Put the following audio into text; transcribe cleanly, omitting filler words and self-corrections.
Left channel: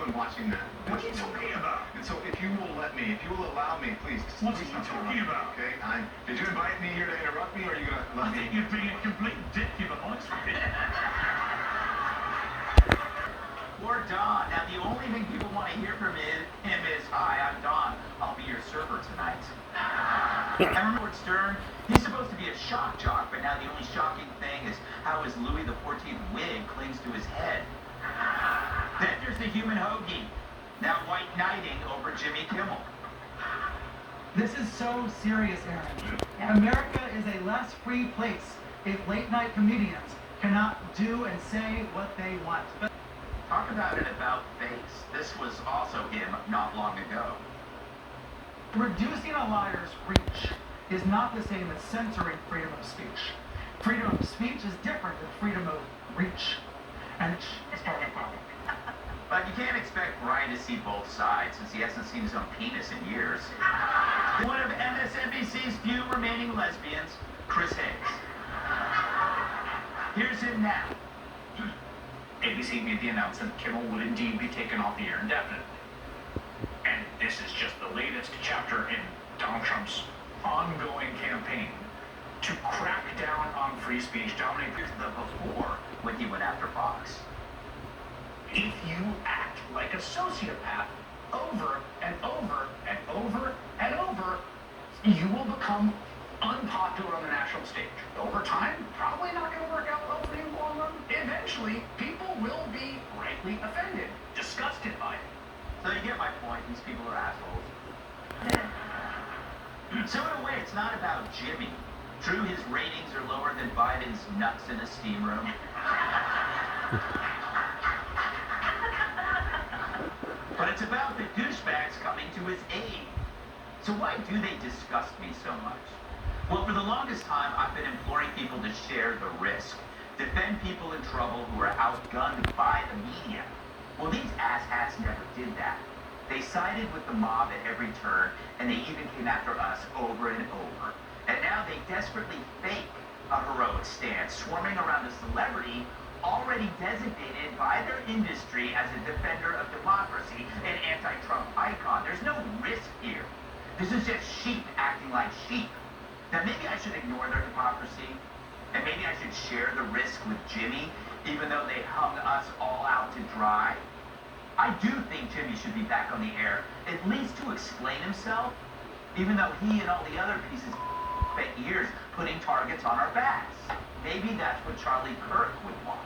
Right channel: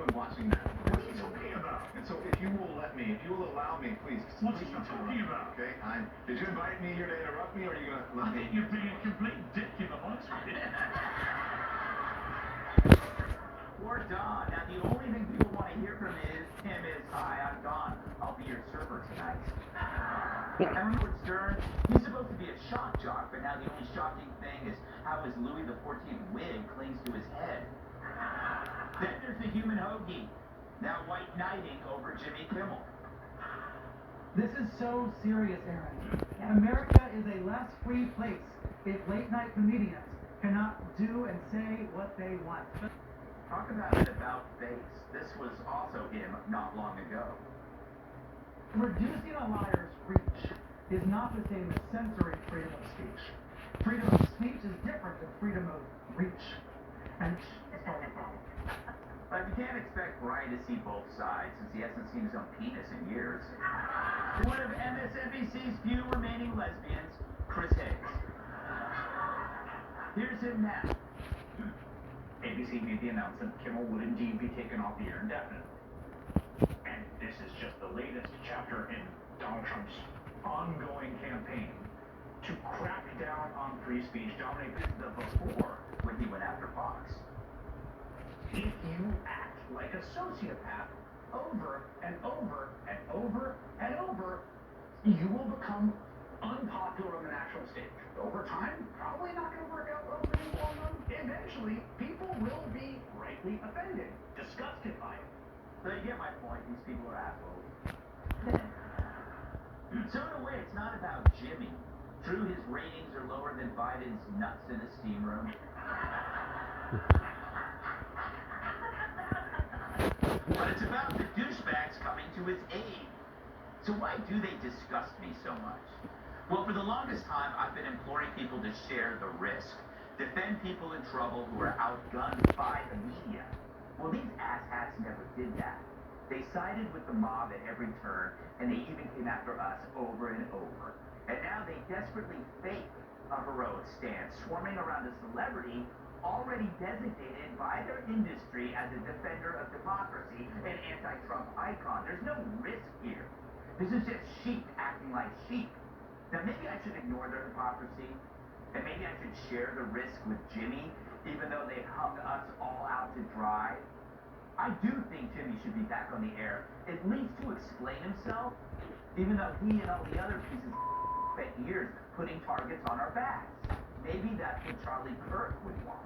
anyone watching that. What are you talking about? And so if you will let me, if you will allow me, please. What are you talking about? Okay, did you invite me here to interrupt me, or are you gonna let I me? think you're being a complete dick, if I'm honest with you. Or Don. Now, the only thing people want to hear from him is, "Hi, I'm Don. I'll be your server tonight." And remember Stern? He's supposed to be a shock jock, but now the only shocking thing is how his Louis XIV wig clings to his head. Then there's the human hoagie, now white knighting over Jimmy Kimmel. This is so serious, Aaron. America is a less free place if late-night comedians cannot do and say what they want. Talk about an about-face. This was also him not long ago. Reducing a liar's reach is not the same as censoring freedom of speech. Freedom of speech is different than freedom of reach. And it's part of the problem. But you can't expect Brian to see both sides since he hasn't seen his own penis in years. One of MSNBC's few remaining lesbians, Chris Hayes. Here's him now. ABC made the announcement Kimmel would indeed be taken off the air indefinitely. And this is just the latest chapter in Donald Trump's ongoing campaign to crack down on free speech. Dominic, Here's the before when he went after Fox. if you act like a sociopath over and over and over and over, you will become unpopular on the national stage. Over time, probably not going to work out well for you long run. Eventually, people will be rightly offended, disgusted by it. So you get my point, these people are assholes. So in a way, it's not about Jimmy. True, his ratings are lower than Biden's nuts in a steam room. But it's about the douchebags coming to his aid. So why do they disgust me so much? Well, for the longest time, I've been imploring people to share the risk. Defend people in trouble who are outgunned by the media. Well, these asshats never did that. They sided with the mob at every turn, and they even came after us over and over. And now they desperately fake a heroic stance, swarming around a celebrity already designated by their industry as a defender of democracy and anti-Trump icon. There's no risk here. This is just sheep acting like sheep. Now maybe I should ignore their hypocrisy, and maybe I should share the risk with Jimmy, even though they hung us all out to dry. I do think Jimmy should be back on the air, at least to explain himself, even though he and all the other pieces spent years putting targets on our backs. Maybe that's what Charlie Kirk would want.